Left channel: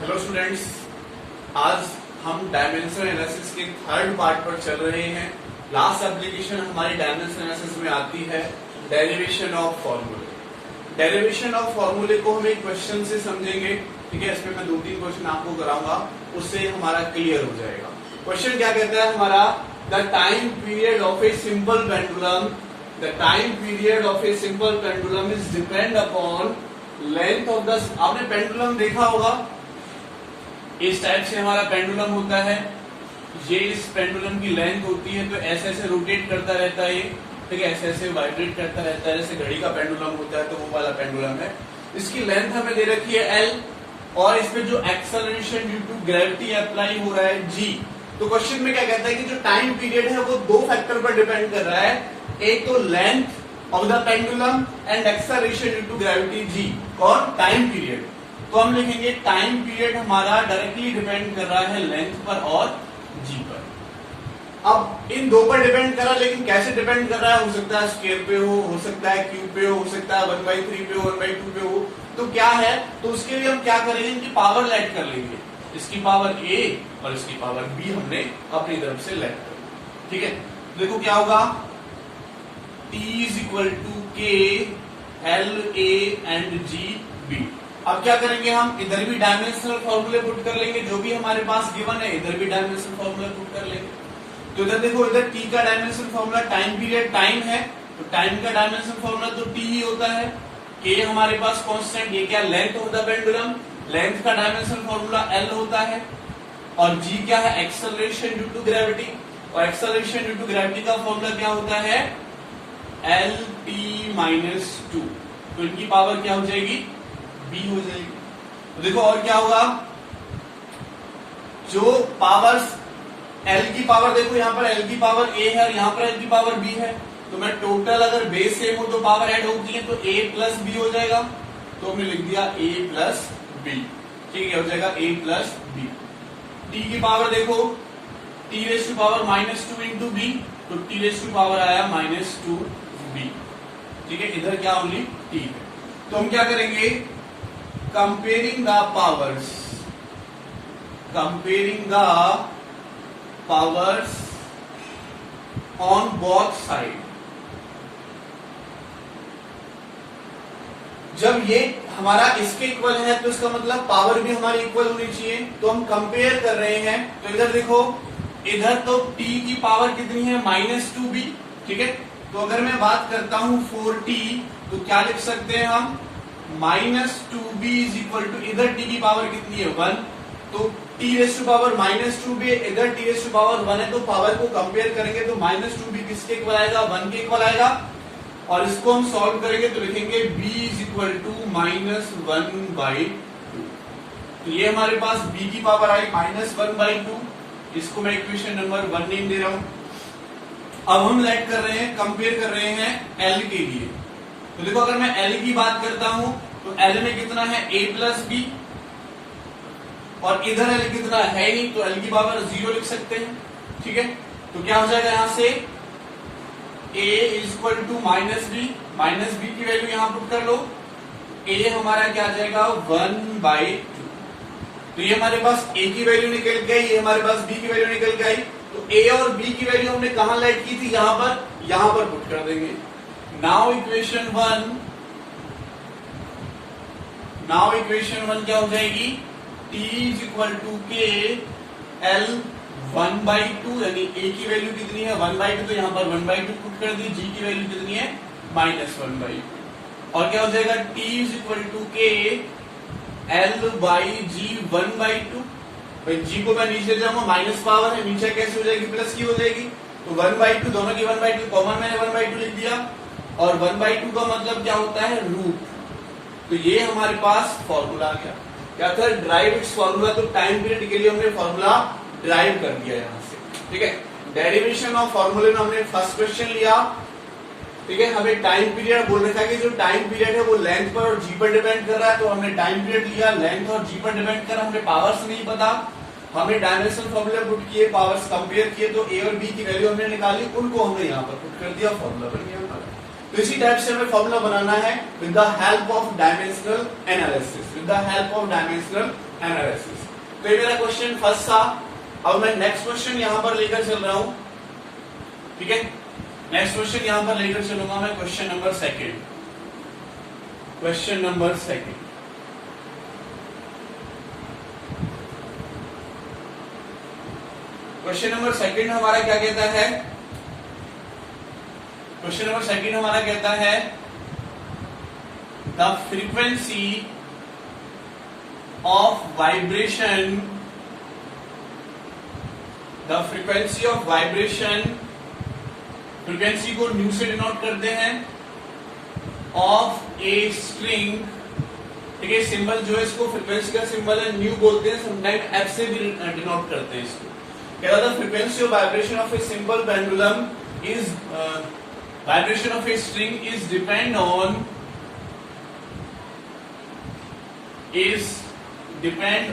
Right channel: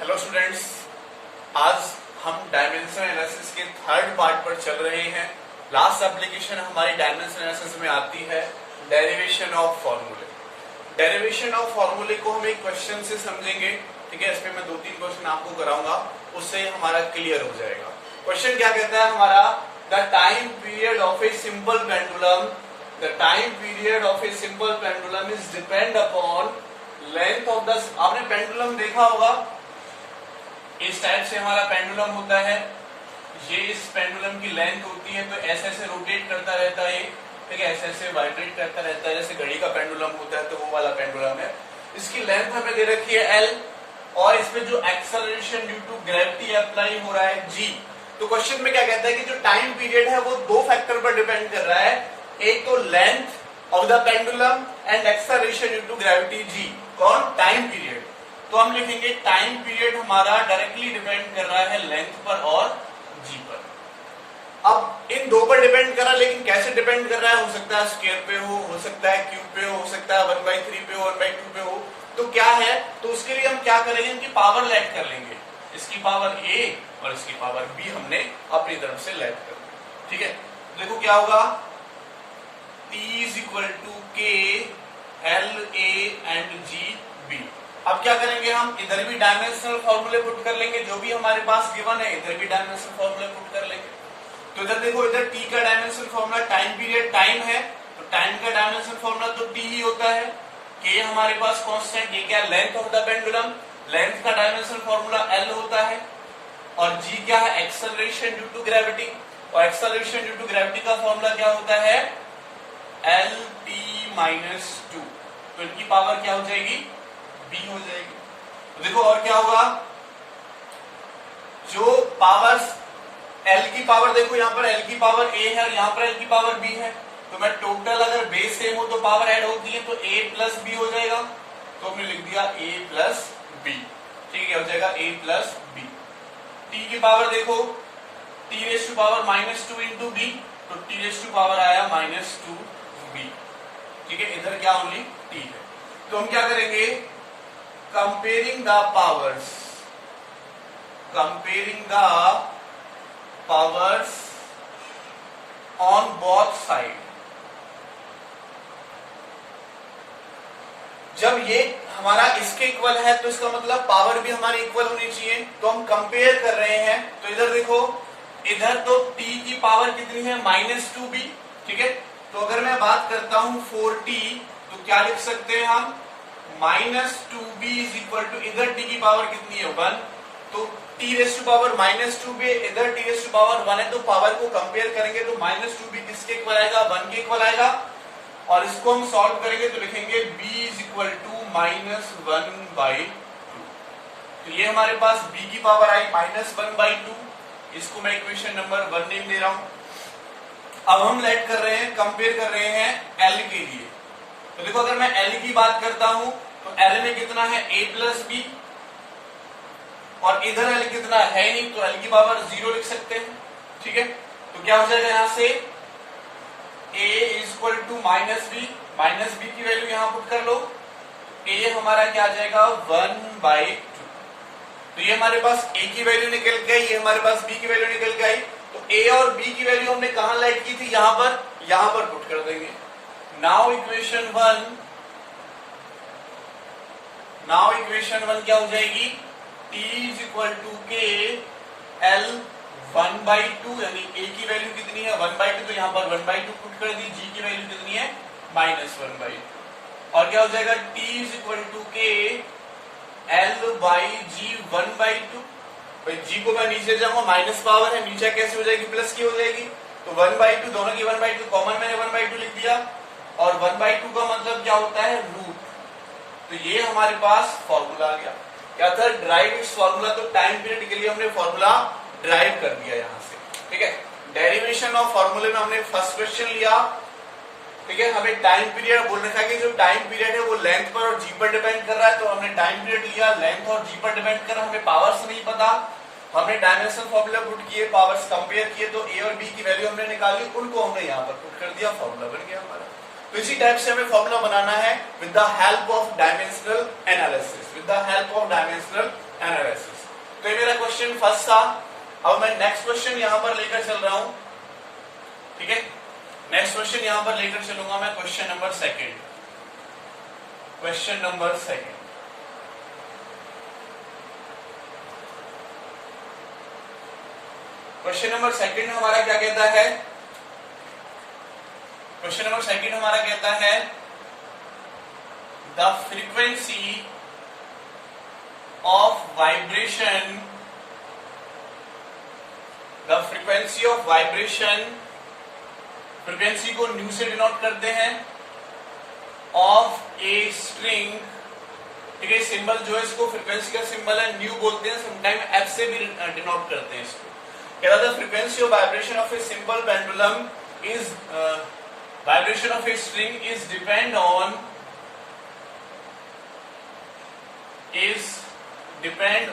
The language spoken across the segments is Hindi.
हेलो स्टूडेंट्स, आज हम डायमेंशन एनालिसिस के थर्ड पार्ट पर चल रहे हैं। लास्ट एप्लीकेशन हमारी डायमेंशन एनालिसिस में आती है डेरिवेशन ऑफ फॉर्मूले। डेरिवेशन ऑफ फॉर्मूले को हम एक क्वेश्चन से समझेंगे, ठीक है। इसमें मैं 2-3 क्वेश्चन आपको कराऊंगा, उससे हमारा क्लियर हो जाएगा। क्वेश्चन क्या कहता है हमारा, the time period of a simple pendulum, the time period of a simple pendulum is depend upon length of the. आपने पेंडुलम देखा होगा, इस टाइप से हमारा पेंडुलम होता है। ये इस पेंडुलम की लेंथ होती है, तो ऐसे ऐसे रोटेट करता रहता है, ठीक है, ऐसे ऐसे वाइब्रेट करता रहता है, जैसे घड़ी का पेंडुलम होता है, तो वो वाला पेंडुलम है। इसकी लेंथ हमें दे रखी है L, और इसमें जो acceleration due to gravity apply हो रहा है G। तो क्वेश्चन में क्या कहता है कि जो टाइम पीरियड है वो 2 फैक्टर पर डिपेंड कर रहा है, एक तो length of the pendulum and acceleration due to gravity G। कौन? Time period. तो हम लिखेंगे टाइम पीरियड हमारा डायरेक्टली डिपेंड कर रहा है लेंथ पर और जी पर। अब इन 2 पर डिपेंड कर रहा है, लेकिन कैसे डिपेंड कर रहा है? हो सकता है स्क्वायर पे हो सकता है क्यूब पे हो सकता है 1/3 पे हो, 1/2 पे हो। तो क्या है, तो उसके लिए हम क्या करेंगे, इनकी पावर लेट कर लेंगे। इसकी पावर A और इसकी पावर B हमने अपनी तरफ से लेट कर ली, ठीक है। देखो क्या होगा, T = K L A and G B। अब क्या करेंगे, हम इधर भी डायमेंशनल फॉर्मूले पुट कर लेंगे, जो भी हमारे पास गिवन है इधर भी डायमेंशनल फॉर्मूले पुट कर लेंगे। तो इधर देखो, इधर टी का dimensional formula, time period time है तो टाइम का डायमेंशनल फॉर्मूला तो टी ही होता है। के हमारे पास कांस्टेंट, ये क्या, length of the pendulum, length का डायमेंशनल फॉर्मूला एल होता है। और जी क्या है, एक्सेलरेशन ड्यू टू ग्रेविटी, और एक्सेलरेशन ड्यू टू ग्रेविटी का फॉर्मूला क्या होता है, LT-2। तो इनकी पावर क्या हो जाएगी, B हो जाएगी। तो देखो और क्या होगा, जो पावर्स L की पावर, देखो यहाँ पर L की पावर A है, यहाँ पर L की पावर B है, तो मैं टोटल अगर बेस सेम हो तो पावर ऐड होती है, तो A + B हो जाएगा। तो हमने लिख दिया A + B, ठीक है, हो जाएगा A + B। T की पावर देखो, T⁻² -2 × B, तो T⁻² आया -2B, ठीक है। इधर क्या ओनली T है। तो हम क्या करेंगे, comparing the powers on both side। जब ये हमारा इसके इक्वल है तो इसका मतलब पावर भी हमारी इक्वल होनी चाहिए। तो हम कंपेयर कर रहे हैं, तो इधर देखो, इधर तो t की पावर कितनी है, -2b, ठीक है। तो अगर मैं बात करता हूं 4t, तो क्या लिख सकते हैं हम, -2b = इधर t की पावर कितनी है, 1, तो t⁻⁻²b, इधर t⁻1 है, तो पावर को कंपेयर करेंगे तो -2b किसके इक्वल आएगा, 1 के इक्वल आएगा। और इसको हम सॉल्व करेंगे तो लिखेंगे b = -1/2। तो ये हमारे पास b की पावर आई -1/2, इसको मैं इक्वेशन नंबर 1 नेम दे रहा हूं। अब हम लेट कर रहे हैं, कंपेयर कर रहे हैं L के लिए। तो देखो, अगर मैं L की बात करता हूं तो L में कितना है, A + B, और इधर L कितना है नहीं, तो L की पावर 0 लिख सकते हैं, ठीक है। तो क्या हो जाएगा, यहां से A = -B की वैल्यू यहां पुट कर लो। A हमारा क्या आ जाएगा, 1/2। तो ये हमारे पास A की वैल्यू निकल गई, ये हमारे पास B की वैल्यू निकल गई। तो A और B की वैल्यू हमने कहां लेट की थी, यहां पर पुट कर देंगे। नाउ इक्वेशन 1 क्या हो जाएगी, T = K L 1/2, यानी A की वैल्यू कितनी है, 1/2, तो यहां पर 1/2 पुट कर दी। G की वैल्यू कितनी है, -1/2। और क्या हो जाएगा, T = K L/G 1/2। भाई G को मैं नीचे जाऊंगा, माइनस पावर है, नीचे कैसे हो जाएगी, प्लस की हो जाएगी। तो 1/2, दोनों की 1/2 कॉमन, मैंने 1/2 लिख दिया। और 1/2 का मतलब क्या होता है, रूट। तो ये हमारे पास फॉर्मूला आ गया। क्या था, ड्राइव इट्स फॉर्मूला। तो टाइम पीरियड के लिए हमने फॉर्मूला ड्राइव कर दिया यहां से, ठीक है। डेरिवेशन ऑफ फॉर्मूले में हमने फर्स्ट क्वेश्चन लिया, ठीक है। हमें टाइम पीरियड बोल रखा है कि जो टाइम पीरियड है वो लेंथ पर और जी पर डिपेंड कर रहा है। तो हमने टाइम पीरियड लिया, लेंथ और जी पर डिपेंड कर रहा है। हमें पावर्स नहीं पता, हमने डायमेंशनल फॉर्मूला पुट किए, पावर्स कंपेयर किए, तो A और B की वैल्यू हमने निकाली, उनको हमने यहाँ पर पुट कर दिया, फॉर्मूला बन गया हमारा। तो इसी टाइप से हमें फॉर्मूला बनाना है with the help of dimensional analysis, with the help of dimensional analysis. तो ये मेरा क्वेश्चन फर्स्ट था। अब मैं नेक्स्ट क्वेश्चन यहां पर लेकर चल रहा हूं, ठीक है। नेक्स्ट क्वेश्चन यहां पर लेकर चलूंगा मैं, question number second. Question number second, question number second हमारा क्या कहता है? क्वेश्चन नंबर सेकंड हमारा कहता है the frequency of vibration, the frequency of vibration, frequency को न्यू से डिनोट करते हैं, ऑफ ए स्ट्रिंग, ठीक है। सिंबल जो है इसको फ्रीक्वेंसी का सिंबल है, न्यू बोलते हैं, समटाइम एफ से भी डिनोट करते हैं इसको। क्या था? Frequency of vibration of a simple pendulum is vibration of a string is depend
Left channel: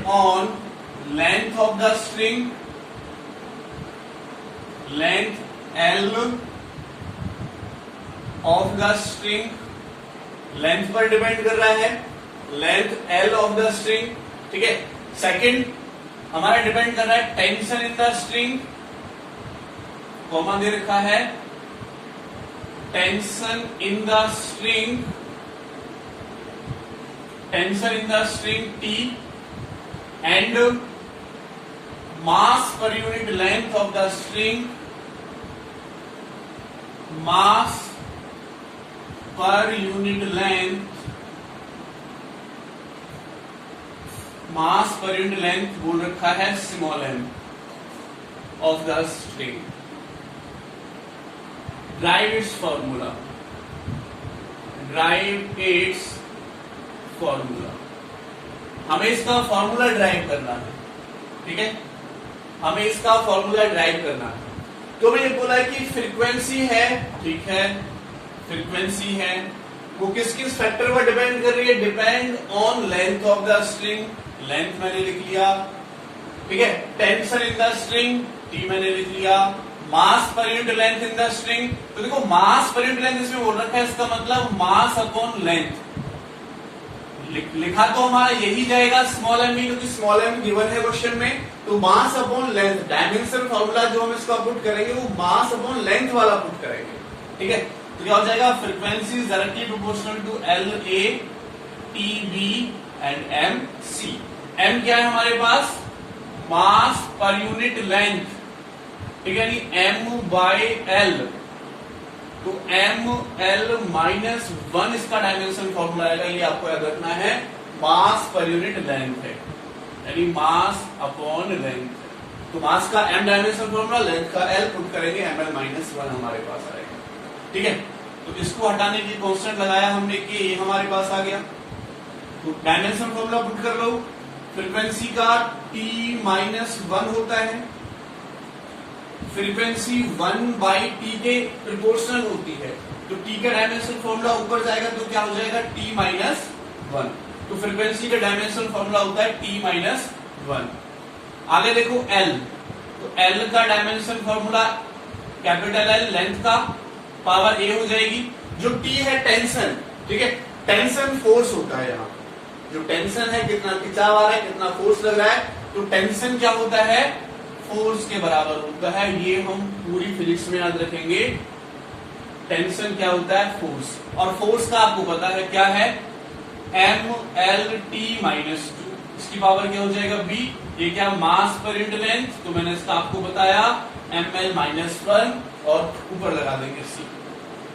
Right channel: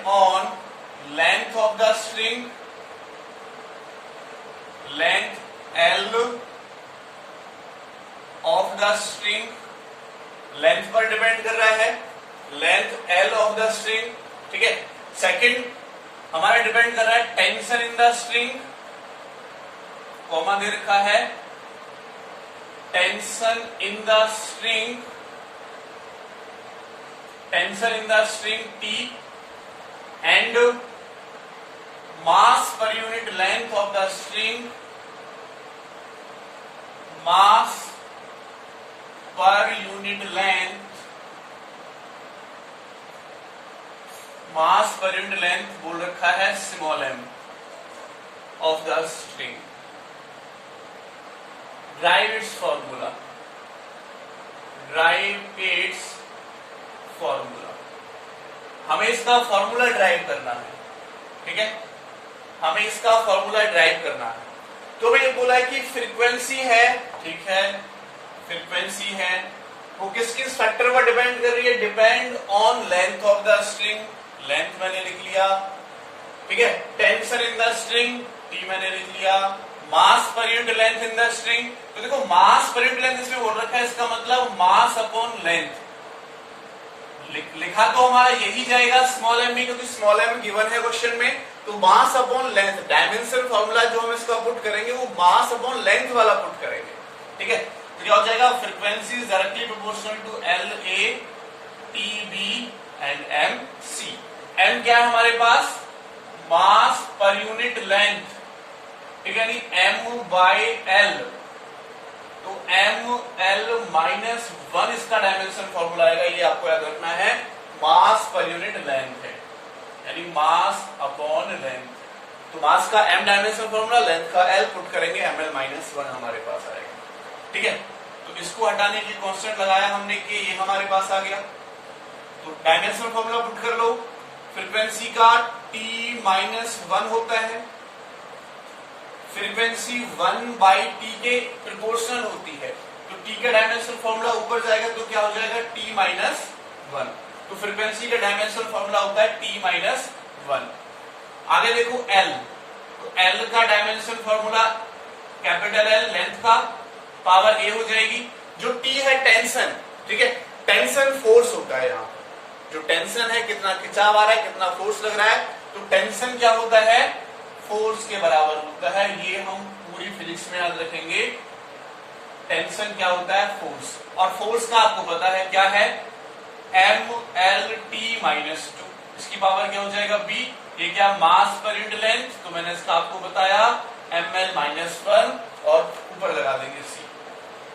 on length of the string, length L of the string, length पर डिपेंड कर रहा है, length L of the string, ठीक है। सेकंड हमारा डिपेंड कर रहा है tension in the string, comma दे रखा है, tension in the string, tension in the string T, and mass per unit length of the string, mass per unit length, mass per unit length बोल रखा है small m of the string. Drive it's formula, drive it's formula, हमें इसका फॉर्मूला ड्राइव करना है, ठीक है, हमें इसका फॉर्मूला ड्राइव करना है। तो मैंने बोला है कि फ्रीक्वेंसी है, ठीक है, फ्रीक्वेंसी है, वो किस किस फैक्टर पर डिपेंड कर रही है? Depend on length of the string, length मैंने लिख लिया, ठीक है। Tension in the string T मैंने लिख लिया, mass per unit length in the string, तो देखो मास पर यूनिट लेंथ इसमें बोल रखा है, इसका मतलब मास अपॉन लेंथ, लिखा तो हमारा यही जाएगा स्मॉल m भी, क्योंकि स्मॉल m गिवन है क्वेश्चन में। तो mass upon length, dimension formula जो हम इसका पुट करेंगे वो मास अपॉन लेंथ वाला पुट करेंगे, ठीक है। तो क्या हो जाएगा? Frequency is directly proportional to LA TB एंड MC। M क्या है हमारे पास? मास पर यूनिट लेंथ, ठीक है, यानी M/L, तो ML माइनस 1 इसका डायमेंशन फॉर्मूला आएगा, ये आपको याद रखना है, मास पर यूनिट लेंथ है, यानी मास अपॉन लेंथ। तो मास का M डायमेंशन फॉर्मूला, लेंथ का L पुट करेंगे, ML-1 हमारे पास आएगा, ठीक है। तो इसको हटाने की कांस्टेंट लगाया हमने कि ये हमारे पास आ गया। तो डायमेंशन फॉर्मूला पुट कर लो, फ्रीक्वेंसी का T-1 होता है, फ्रीक्वेंसी 1/T के प्रोपोर्शनल होती है, तो T का डायमेंशन फॉर्मूला ऊपर जाएगा तो क्या हो जाएगा? T-1। तो फ्रीक्वेंसी का डायमेंशन फॉर्मूला होता है T-1। आगे देखो L, तो L का dimension formula capital L, length का पावर A हो जाएगी। जो T है टेंशन, ठीक है, टेंशन फोर्स होता है यहाँ, जो टेंशन है कितना खिंचाव आ रहा है, कितना फोर्स लग रहा है, तो टेंशन क्या होता है? फोर्स के बराबर होता है। ये हम पूरी फिजिक्स में याद रखेंगे, टेंशन क्या होता है? फोर्स। और फोर्स का आपको पता है क्या है? MLT-2, इसकी पावर क्या हो जाएगा? B। ये क्या? मास पर यूनिट लेंथ, तो मैंने इसका आपको बताया ML-1 और ऊपर लगा देंगे C।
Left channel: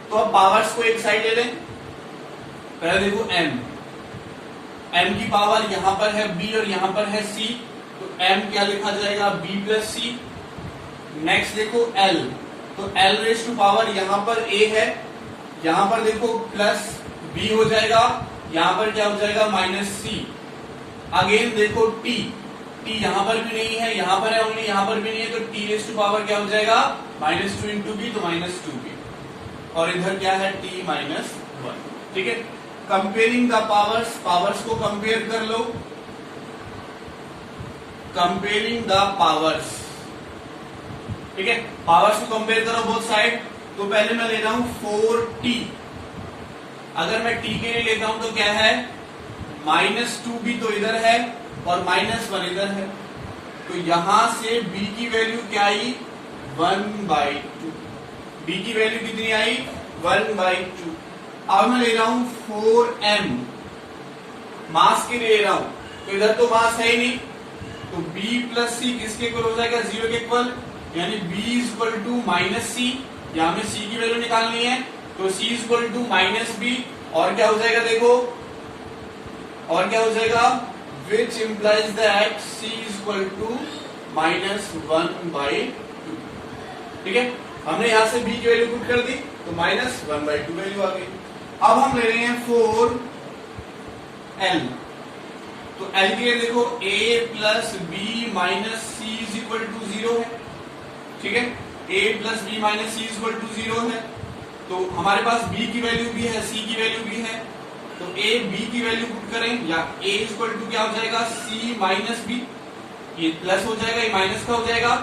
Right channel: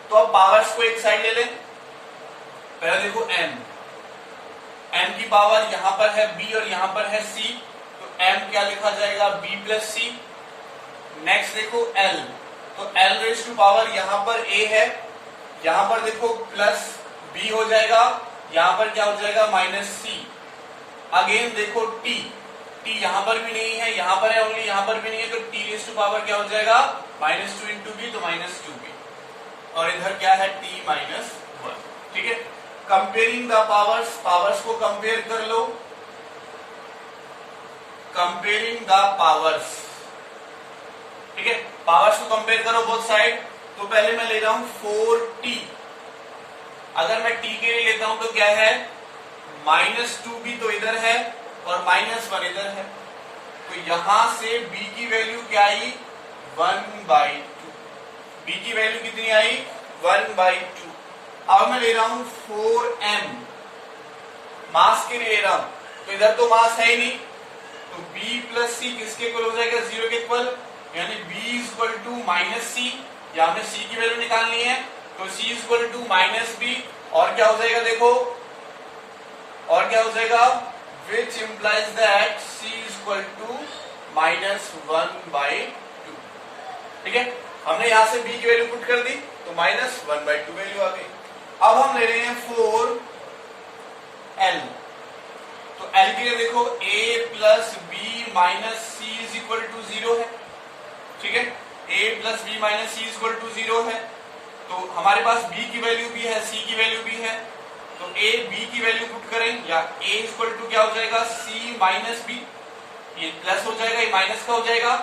तो अब पावर्स को एक साइड ले लें। पहले देखो M की पावर यहां पर है B और यहां पर है C, तो M क्या लिखा जाएगा? B plus C। नेक्स्ट देखो L, तो L रेज टू पावर यहां पर A है, यहां पर देखो प्लस B हो जाएगा, यहां पर क्या हो जाएगा? Minus C। अगेन देखो T यहां पर भी नहीं है, यहां पर है ओनली, यहां पर भी नहीं है, तो T रेज टू पावर क्या हो जाएगा? -2 इंटू B, तो -2B। और इधर क्या है? T-1। ठीक है, कंपेयरिंग द पावर्स को कंपेयर कर लो, कंपेयरिंग द पावर्स, ठीक है, पावर्स को कंपेयर करो बोथ साइड। तो पहले मैं ले रहा हूं 4T, अगर मैं टी के लिए लेता हूं तो क्या है, -2 भी तो इधर है और -1 इधर है, तो यहां से b की वैल्यू क्या आई, 1/2। b की वैल्यू कितनी आई, 1/2। अब मैं ले रहा हूं 4m, मास के लिए ले रहा हूं, तो इधर तो मास है ही नहीं, तो b प्लस सी किसके इक्वल हो जाएगा, 0 के इक्वल, यानी b इक्वल टू -c, या हमें c की वैल्यू निकालनी है, तो c इक्वल टू -b, और क्या हो जाएगा देखो, और क्या हो जाएगा, which implies that c equal to -1/2। ठीक है, हमने यहां से b की वैल्यू पुट कर दी, तो -1/2 वैल्यू आ गई। अब हम ले रहे हैं 4l, तो l के लिए देखो a plus B minus C is equal to 0 है। ठीक है, a plus B minus C is equal to 0 है, तो हमारे पास b की वैल्यू भी है, c की वैल्यू भी है, तो a b की वैल्यू पुट करें, या a इक्वल टू क्या हो जाएगा, c माइनस बी, ये प्लस हो जाएगा, ये माइनस का हो जाएगा,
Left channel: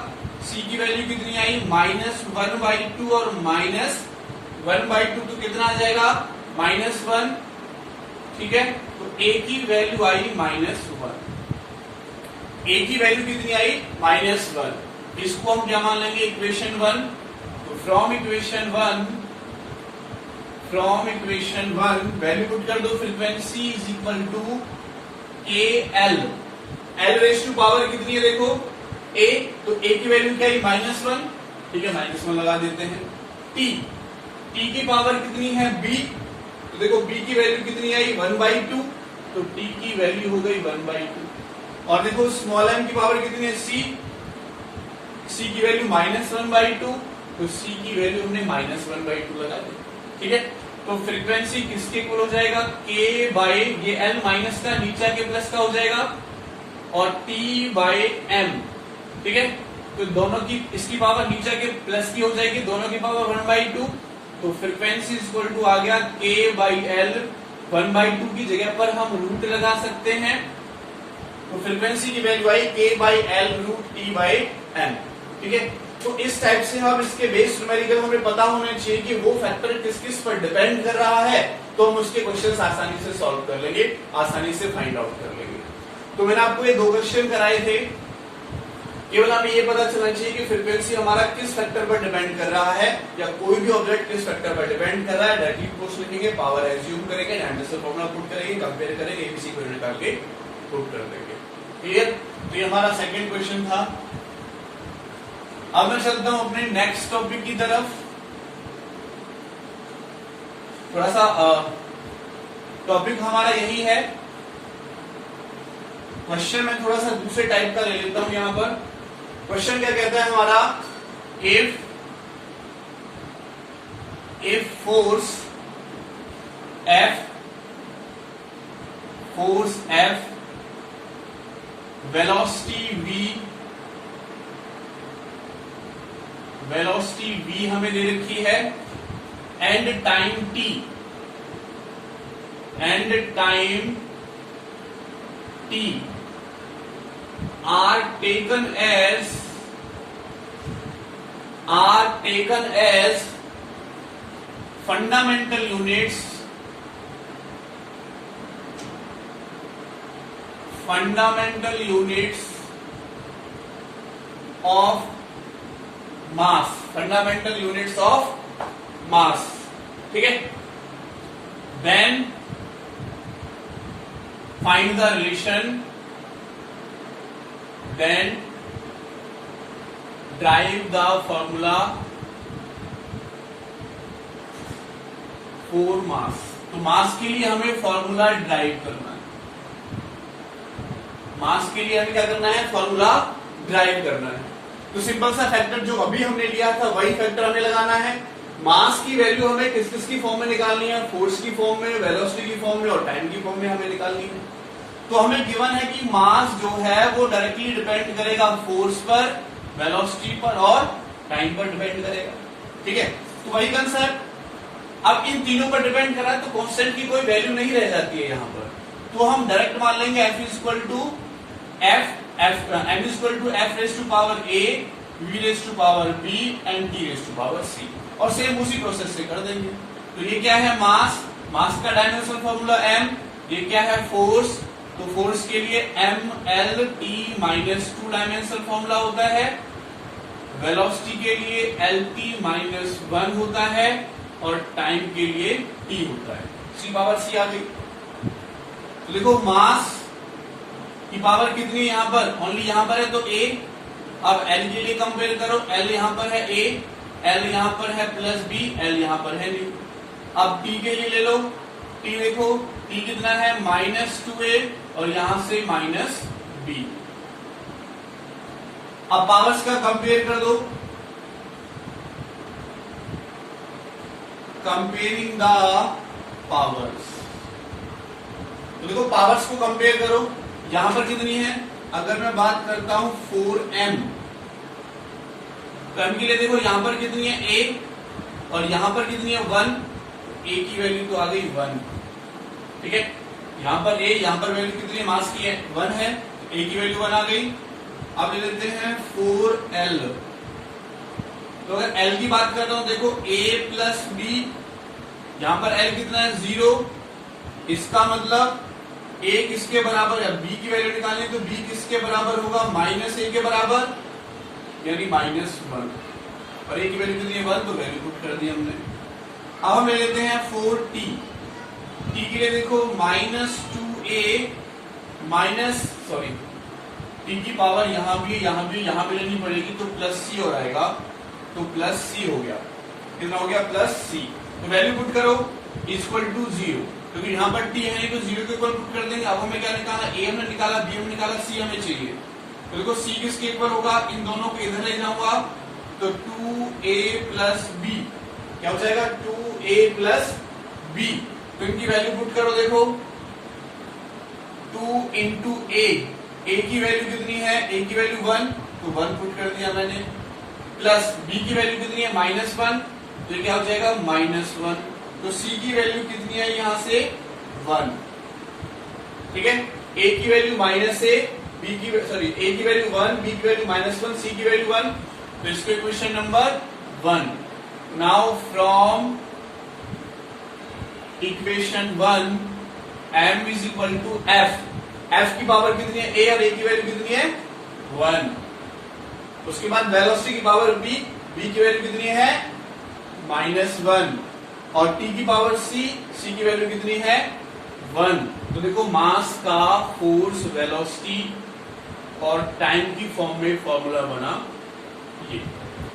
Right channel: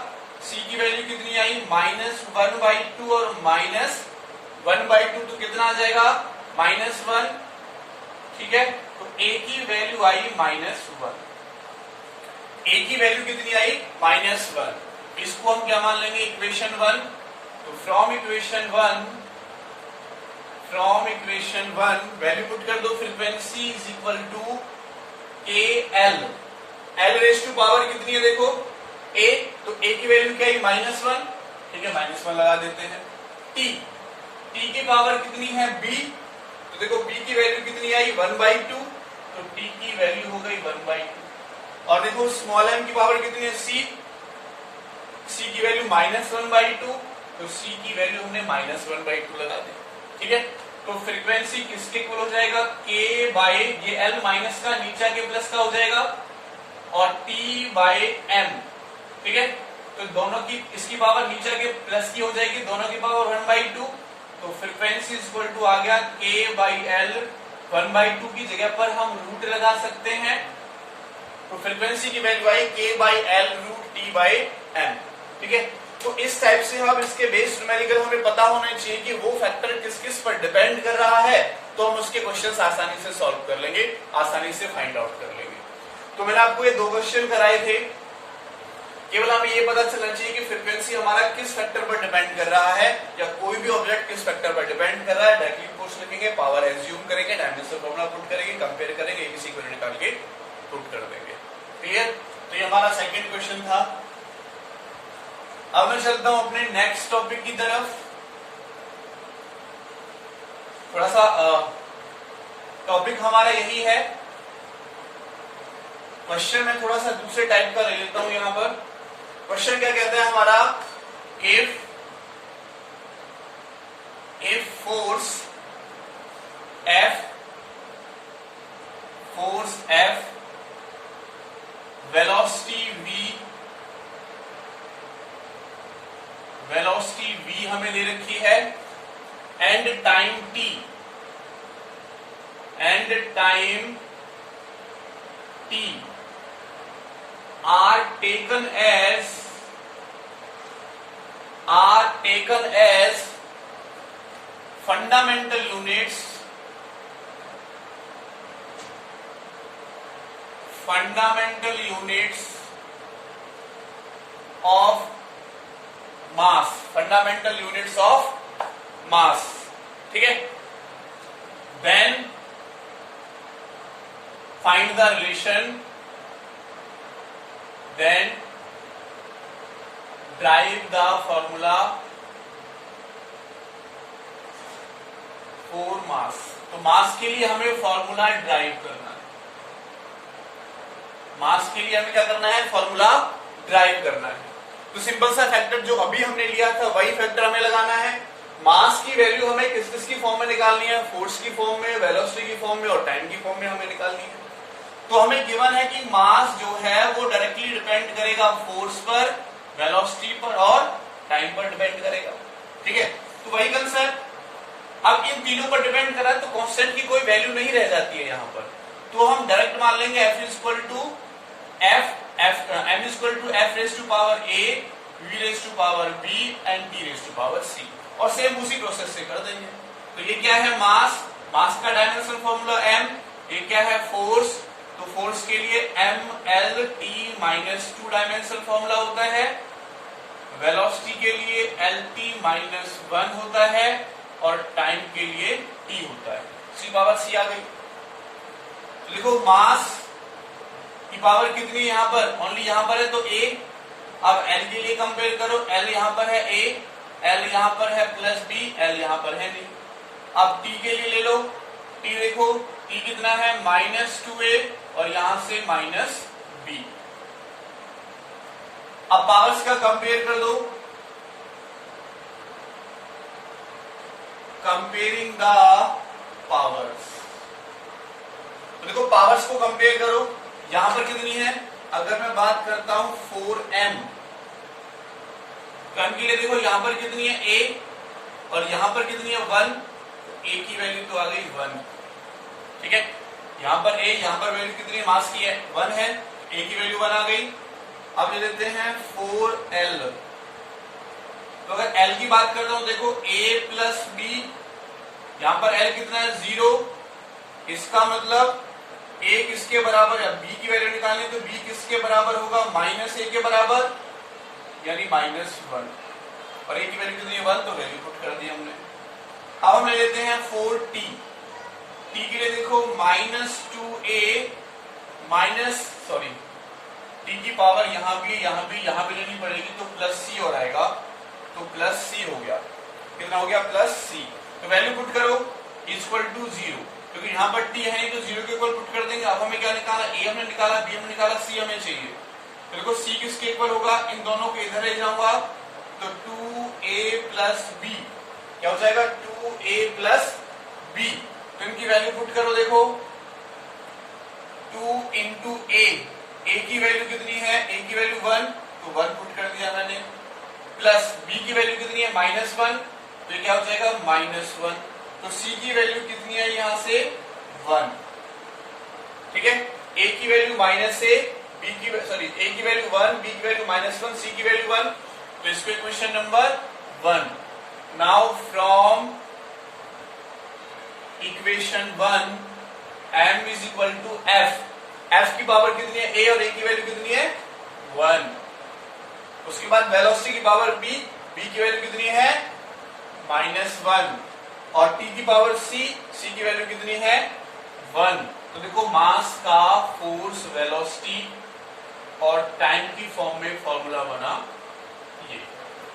c की वैल्यू कितनी आई, -1/2 और -1/2, तो कितना आ जाएगा, -1। ठीक है, तो a की वैल्यू आई -1, a की वैल्यू कितनी आई, -1। इसको हम क्या मान लेंगे, इक्वेशन 1। तो फ्रॉम इक्वेशन 1 वैल्यू पुट कर दो, frequency is equal to AL, L raise to power कितनी है देखो, A, तो A की वैल्यू क्या है, -1। ठीक है, -1 लगा देते हैं। T की पावर कितनी है, B, तो देखो B की वैल्यू कितनी आई, 1/2, तो T की वैल्यू हो गई 1/2। और देखो स्मॉल m की पावर कितनी है, C की वैल्यू -1/2, तो C की वैल्यू हमने -1/2 लगा दी। ठीक है, तो फ्रीक्वेंसी किसके इक्वल हो जाएगा, K बाय, ये L माइनस का नीचा के प्लस का हो जाएगा, और T बाय M। ठीक है, तो दोनों की, इसकी पावर नीचा के प्लस की हो जाएगी, दोनों की पावर 1/2, तो फ्रीक्वेंसी इक्वल टू आ गया K बाई L, 1/2 की जगह पर हम रूट लगा सकते हैं, तो फ्रीक्वेंसी की वैल्यू आई K by L root T by M। ठीक है, तो इस टाइप से हम इसके बेस न्यूमेरिकल हमें पता होना चाहिए कि वो फैक्टर किस किस पर डिपेंड कर रहा है, तो हम उसके क्वेश्चंस आसानी से सॉल्व कर लेंगे, आसानी से फाइंड आउट कर लेंगे। तो मैंने आपको ये 2 क्वेश्चन कराए थे, केवल हमें ये पता चलना चाहिए कि फ्रीक्वेंसी हमारा किस फैक्टर पर डिपेंड कर रहा है, या कोई भी ऑब्जेक्ट किस फैक्टर पर डिपेंड कर रहा है। डायरेक्टली फोर्स लिखेंगे, पावर एज्यूम करेंगे, डायमेंशन फॉर्मूला पुट करेंगे, कंपेयर करेंगे, एबीसी को निकाल के प्रूव कर देंगे। क्लियर, तो ये हमारा सेकंड क्वेश्चन था। अब मैं चलता हूं अपने नेक्स्ट टॉपिक की तरफ। थोड़ा सा टॉपिक हमारा यही है, क्वेश्चन में थोड़ा सा दूसरे टाइप का ले लेता हूं। यहां पर क्वेश्चन क्या कहता है हमारा, if force F velocity v हमें दे रखी है, and time t are taken as fundamental units of mass। ठीक है, then find the relation, then derive the formula for mass। तो मास के लिए हमें फॉर्मूला ड्राइव करना है, मास के लिए हमें क्या करना है, फॉर्मूला ड्राइव करना है। तो सिंपल सा फैक्टर जो अभी हमने लिया था वही फैक्टर हमें लगाना है। मास की वैल्यू हमें किस किस की फॉर्म में निकालनी है, फोर्स की फॉर्म में, वेलोसिटी की फॉर्म में और टाइम की फॉर्म में हमें निकालनी है। तो हमें गिवन है कि मास जो है वो डायरेक्टली डिपेंड करेगा फोर्स पर, वेलोसिटी पर और टाइम पर डिपेंड करेगा। ठीक है, तो वही कंसेप्ट, अब इन तीनों पर डिपेंड कर रहा है, तो कांस्टेंट की कोई वैल्यू नहीं रह जाती है यहाँ पर, तो हम डायरेक्ट मान लेंगे F equal to m equal to F raise to power A, V raise to power B and T raise to power C, और सेम उसी प्रोसेस से कर देंगे। तो ये क्या है, मास मास का डायमेंशन फॉर्मूला m, ये क्या है फोर्स, तो फोर्स के लिए mlt माइनस 2 डायमेंशन फॉर्मूला होता है, वेलोसिटी के लिए lt माइनस 1 होता है और टाइम के लिए t होता है। सी पावर c आ गई। तो देखो मास की पावर कितनी है यहां पर, ओनली यहां पर है तो a। अब l के लिए कंपेयर करो, l यहां पर है a, l यहां पर है प्लस b, l यहां पर है नहीं। अब t के लिए ले लो, t देखो t कितना है माइनस 2a और यहां से माइनस b। अब पावर्स का कंपेयर कर दो, कंपेयरिंग द पावर्स। तो देखो पावर्स को कंपेयर करो, यहां पर कितनी है, अगर मैं बात करता हूं 4m, तो m के लिए देखो यहां पर कितनी है a और यहां पर कितनी है 1, a की वैल्यू तो आ गई 1, ठीक है। यहां पर a, यहां पर वैल्यू कितनी है, मास की है 1 है, a की वैल्यू 1 आ गई। अब ले लेते हैं 4l, तो अगर l की बात करता हूं देखो a प्लस b, यहां पर l कितना है 0, इसका मतलब a किसके बराबर है, b की वैल्यू निकालनी है तो b किसके बराबर होगा, माइनस a के बराबर, यानी माइनस 1, और a की वैल्यू कितनी है 1, तो वैल्यू पुट कर दी हमने। अब हम ले लेते हैं 4t, t के लिए देखो minus 2a minus sorry t की पावर यहां भी लेनी पड़ेगी तो प्लस c और आएगा, तो प्लस c हो गया, कितना हो गया प्लस c। तो वैल्यू पुट करो इक्वल टू 0, क्योंकि यहाँ पर t है तो 0 के इक्वल पुट कर देंगे। अब हमें क्या निकाला, a हमने निकाला, b हमने निकाला, c हमें चाहिए। तो देखो c किसके इक्वल होगा, इन दोनों को इधर ले जाऊंगा तो 2a प्लस b क्या हो जाएगा 2a प्लस b। तो इनकी वैल्यू पुट करो, देखो 2 इंटू a की वैल्यू कितनी है, a की वैल्यू 1, तो 1 पुट कर दिया मैंने, प्लस b की वैल्यू कितनी है माइनस 1, तो ये क्या हो जाएगा माइनस 1। तो c की वैल्यू कितनी है यहां से 1, ठीक है। a की वैल्यू माइनस a, b की सॉरी a की वैल्यू 1, b की वैल्यू माइनस 1, c की वैल्यू 1, तो इसको equation number 1। Now from equation 1 m is equal to f, f की पावर कितनी है a और a की वैल्यू कितनी है 1। उसके बाद वेलोसिटी की पावर b, b की वैल्यू कितनी है माइनस 1, और t की पावर c, c की वैल्यू कितनी है 1। तो देखो मास का फोर्स, वेलोसिटी और टाइम की फॉर्म में फॉर्मूला बना, ये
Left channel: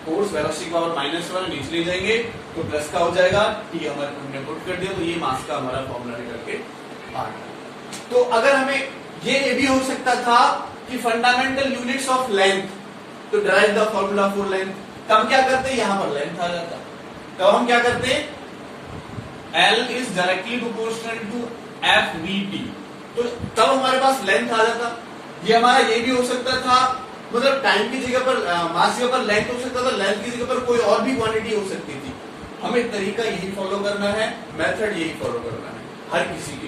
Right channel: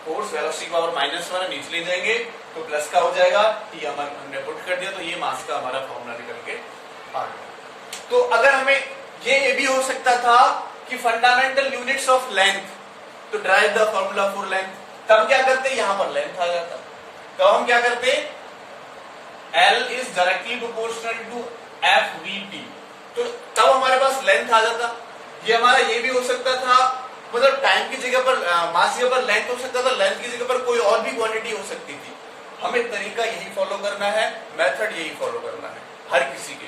फोर्स वेलोसिटी की पावर माइनस 1 नीचे ले जाएंगे तो प्लस का हो जाएगा, t हमारे हमने पुट कर दिया, तो ये मास का हमारा फॉर्मूला निकल के आ गया। तो अगर हमें ये भी हो सकता था कि fundamental units of length to drive the formula for length, तब क्या करते, यहां पर लेंथ आ जाता, तब हम क्या करते, L is directly proportional to FVT, तो तब हमारे पास लेंथ आ जाता। ये हमारा ये भी हो सकता था, मतलब टाइम की जगह पर मास की जगह पर लेंथ हो सकता था, लेंथ की जगह पर कोई और भी क्वांटिटी हो सकती थी। हमें तरीका यही फॉलो करना है, मेथड यही फॉलो करना है हर किसी के,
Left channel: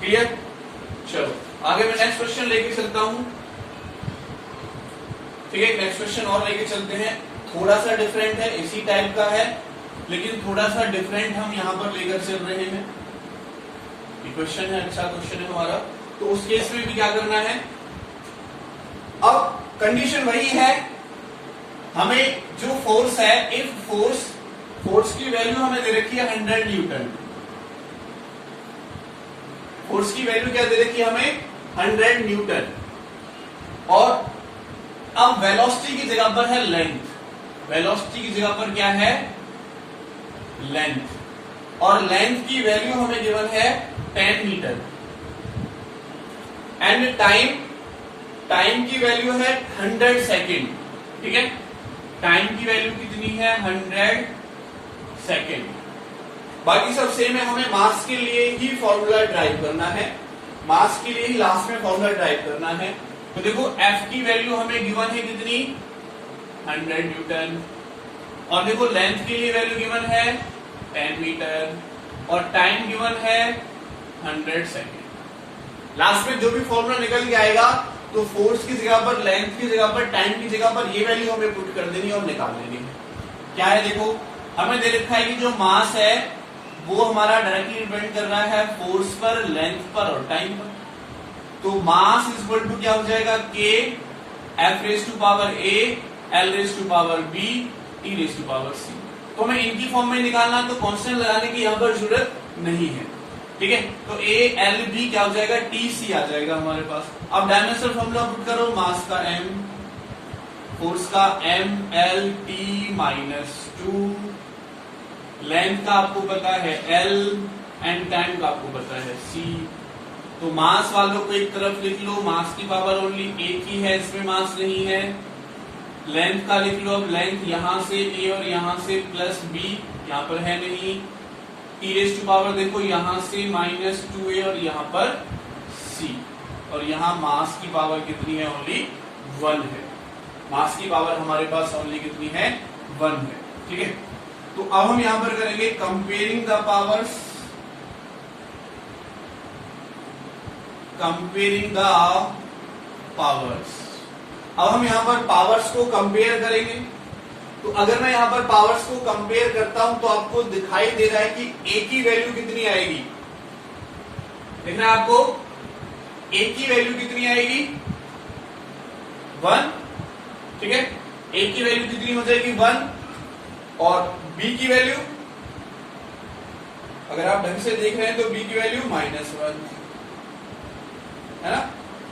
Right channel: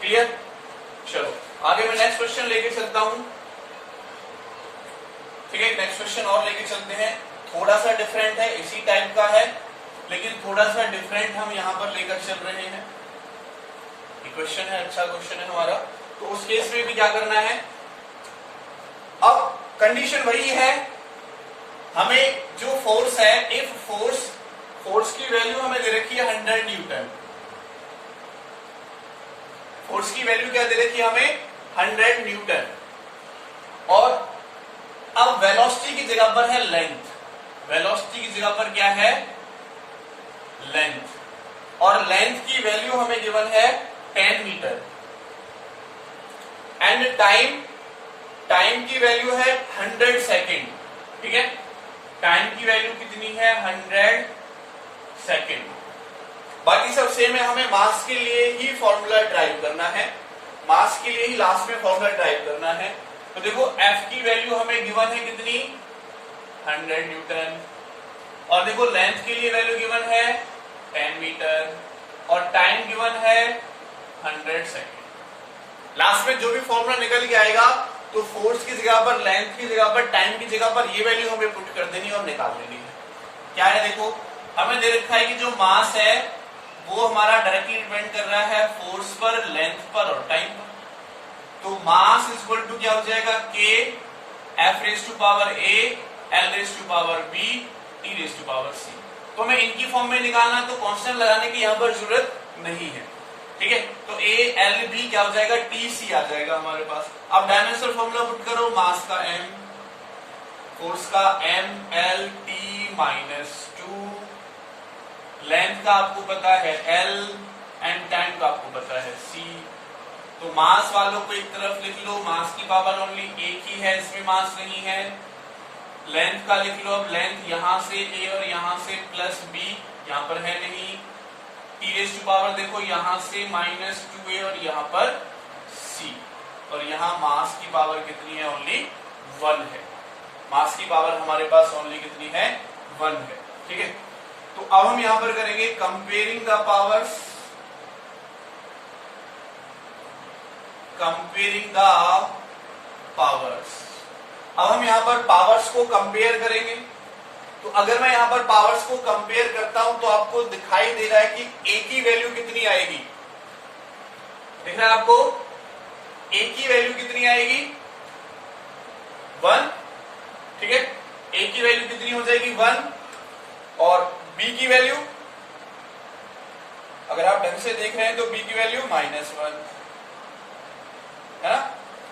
क्लियर। चलो आगे मैं नेक्स्ट क्वेश्चन लेके चलता हूं, ठीक है। नेक्स्ट क्वेश्चन और लेके चलते हैं, थोड़ा सा डिफरेंट है, इसी टाइप का है लेकिन थोड़ा सा डिफरेंट हम यहां पर लेकर चल रहे हैं। क्वेश्चन है, अच्छा क्वेश्चन है हमारा, तो उस केस में भी क्या करना है, अब कंडीशन वही है, हमें जो फोर्स है, इफ फोर्स की वैल्यू हमें दे रखी है 100 न्यूटन, फोर्स की वैल्यू क्या दे रखी है हमें 100 न्यूटन, और अब वेलोसिटी की जगह पर है लेंथ, वेलोसिटी की जगह पर क्या है लेंथ, और लेंथ की वैल्यू हमें गिवन है 10 मीटर, एंड टाइम की वैल्यू है 100 सेकेंड, ठीक है। टाइम की वैल्यू कितनी है 100 सेकेंड, बाकी सब सेम है। हमें मास के लिए ही फॉर्मूला ड्राइव करना है, मास के लिए ही लास्ट में फॉर्मूला ड्राइव करना है। तो देखो F की वैल्यू हमें गिवन है कितनी 100 न्यूटन, और देखो लेंथ के लिए वैल्यू गिवन है 10 मीटर, और टाइम गिवन है 100 सेकेंड। लास्ट में जो भी फॉर्मूला निकल के आएगा तो फोर्स की जगह पर, लेंथ की जगह पर, टाइम की जगह पर ये वैल्यू हमें पुट कर देनी और निकाल देनी है। क्या है देखो, हमें दे रखा है कि जो मास है वो हमारा डायरेक्टली डिपेंड कर रहा है फोर्स पर, लेंथ पर और टाइम पर। तो मास इज इक्वल टू क्या हो जाएगा, K F raise to power A L raise to power B E raise to power C. तो हमें इनकी फॉर्म में निकालना, तो कांस्टेंट लगाने की यहां पर जरूरत नहीं है, ठीक है। तो ए एल बी क्या हो जाएगा, टी सी आ जाएगा हमारे पास। अब डायमेंशनल फॉर्मूला पुट करो, मास का एम, फोर्स का M L T minus two, length का आपको पता है एल एंड टाइम का आपको पता है सी। तो मास वालों को एक तरफ लिख लो, मास की पावर ओनली एक ही है, इसमें मास नहीं है। लेंथ का लिख लो, अब लेंथ यहां से ए और यहां से प्लस बी, यहां पर है नहीं। टी रेज टू पावर देखो यहां से माइनस टू ए और यहां पर सी, और यहां मास की पावर कितनी है, ओनली 1 है। मास की पावर हमारे पास ओनली कितनी है, 1 है, ठीक है। तो अब हम यहां पर करेंगे comparing the powers, comparing the powers. अब हम यहां पर पावर्स को कंपेयर करेंगे। तो अगर मैं यहां पर पावर्स को कंपेयर करता हूं तो आपको दिखाई दे रहा है कि ए की वैल्यू कितनी आएगी, दिख रहा है आपको, ए की वैल्यू कितनी आएगी, 1, ठीक है। ए की वैल्यू कितनी हो जाएगी, 1, और बी की वैल्यू, अगर आप ढंग से देख रहे हैं तो बी की वैल्यू -1 है ना।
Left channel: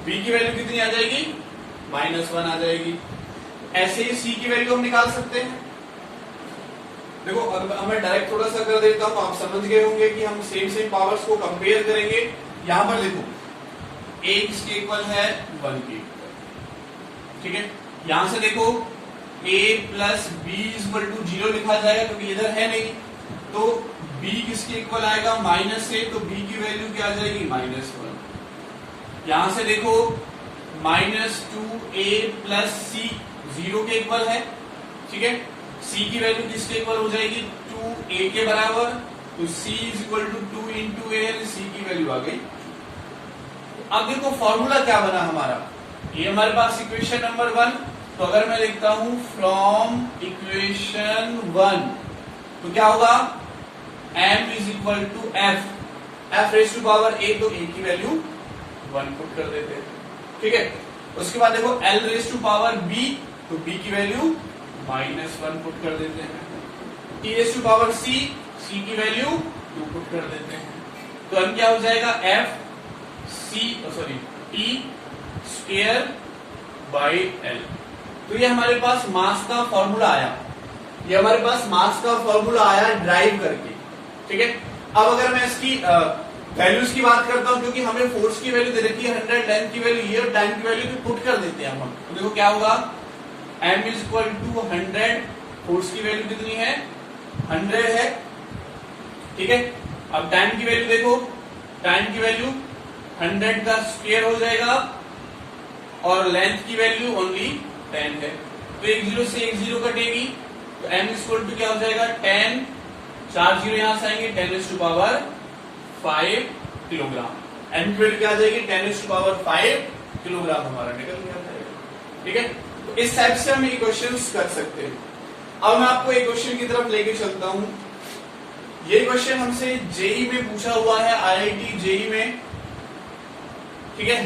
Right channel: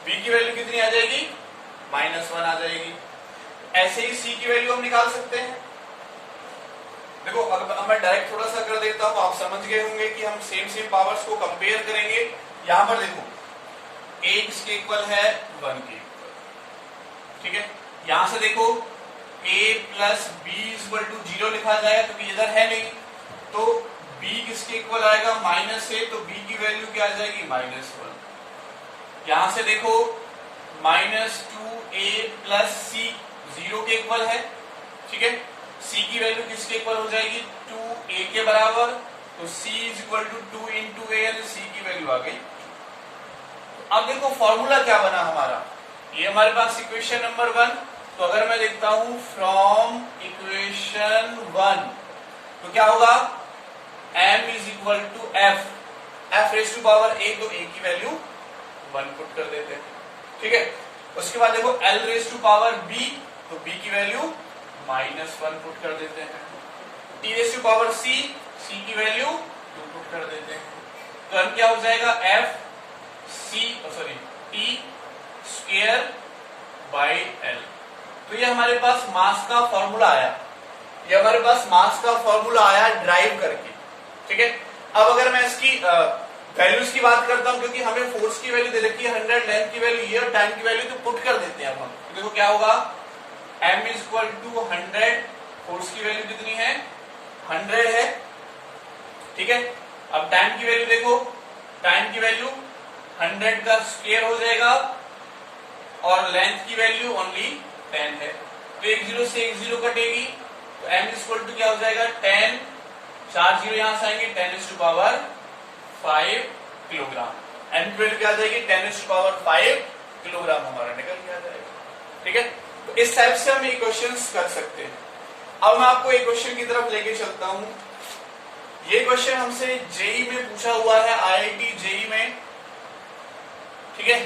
बी की वैल्यू कितनी आ जाएगी, -1 आ जाएगी। ऐसे ही सी की वैल्यू हम निकाल सकते हैं। देखो अब मैं डायरेक्ट थोड़ा सा कर देता हूं, आप समझ गए होंगे कि हम सेम पावर्स को कंपेयर करेंगे। यहां पर देखो a किसके इक्वल है, 1 के, ठीक है। यहां से देखो a plus B equal to 0 लिखा जाएगा क्योंकि इधर है नहीं, तो b किसके इक्वल आएगा, -a, तो b की वैल्यू क्या आ जाएगी, -1। यहां से देखो -2a प्लस सी 0 के इक्वल है, ठीक है। c की वैल्यू किसके इक्वल हो जाएगी, 2a के बराबर, तो c is equal to 2 into A, C की वैल्यू आ गई। अब देखो फॉर्मूला क्या बना हमारा, ये हमारे पास इक्वेशन नंबर 1। तो अगर मैं लिखता हूं फ्रॉम इक्वेशन 1, तो क्या होगा, m is equal to F raise to power a, तो a की वैल्यू 1 पुट कर देते हैं, ठीक है। उसके बाद देखो l raise to power b, तो b की वैल्यू -1 पुट कर देते हैं। t raise to power c की वैल्यू 2 पुट कर देते हैं। तो अब क्या हो जाएगा, t स्क्वायर बाई l। तो ये हमारे पास मास का फॉर्मूला आया, ये हमारे पास मास का फॉर्मूला आया ड्राइव करके, ठीक है। अब अगर मैं इसकी वैल्यूज की बात करता हूं, क्योंकि हमें फोर्स की वैल्यू दे रखी है 100, लेंथ की वैल्यू ये और टाइम की वैल्यू तो पुट कर देते हैं हम। तो देखो क्या होगा, m is equal to 100, force की वैल्यू कितनी है, 100 है, ठीक है। अब टाइम की वैल्यू देखो, टाइम की वैल्यू 100 का स्क्वायर हो जाएगा, और लेंथ की वैल्यू ओनली 10 है, तो एक 0 से एक 0 कटेगी, तो m इज इक्वल टू क्या हो जाएगा, 10, 4 0 यहां से आएंगे, 10 टू पावर 5 किलोग्राम। m की वैल्यू क्या आ जाएगी, 10 टू पावर 5 किलोग्राम हमारा निकल गया जाएगा, ठीक है। तो इस टाइप से हम इक्वेशंस कर सकते हैं। अब मैं आपको एक क्वेश्चन की तरफ लेके चलता हूं। ये क्वेश्चन हमसे जेई में पूछा हुआ है, आईआईटी जेई में, ठीक है।